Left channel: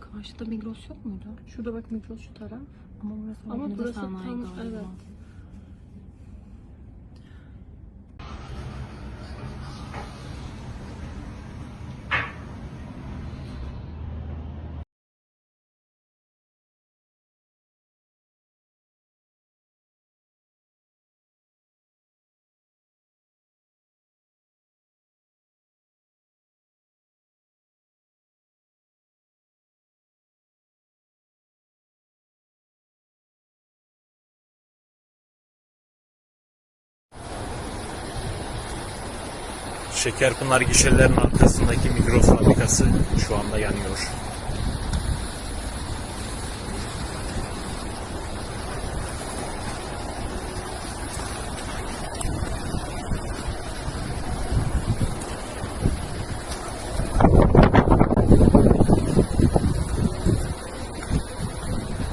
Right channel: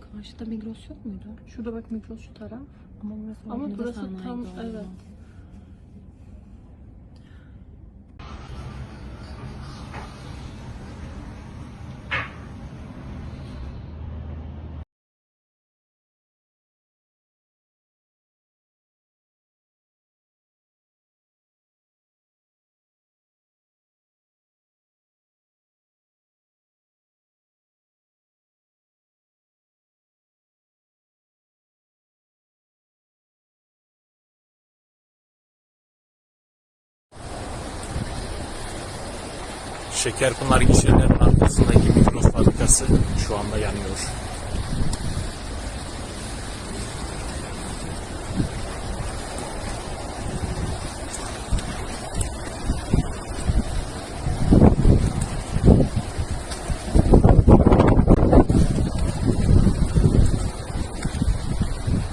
Karşıda Migros yok muydu? Şurada bak Migros şu taraf. Ama burası Ama burası tam evet. Şekerpınar gişelerin arkasındaki Migros fabrikası şu anda yanıyor.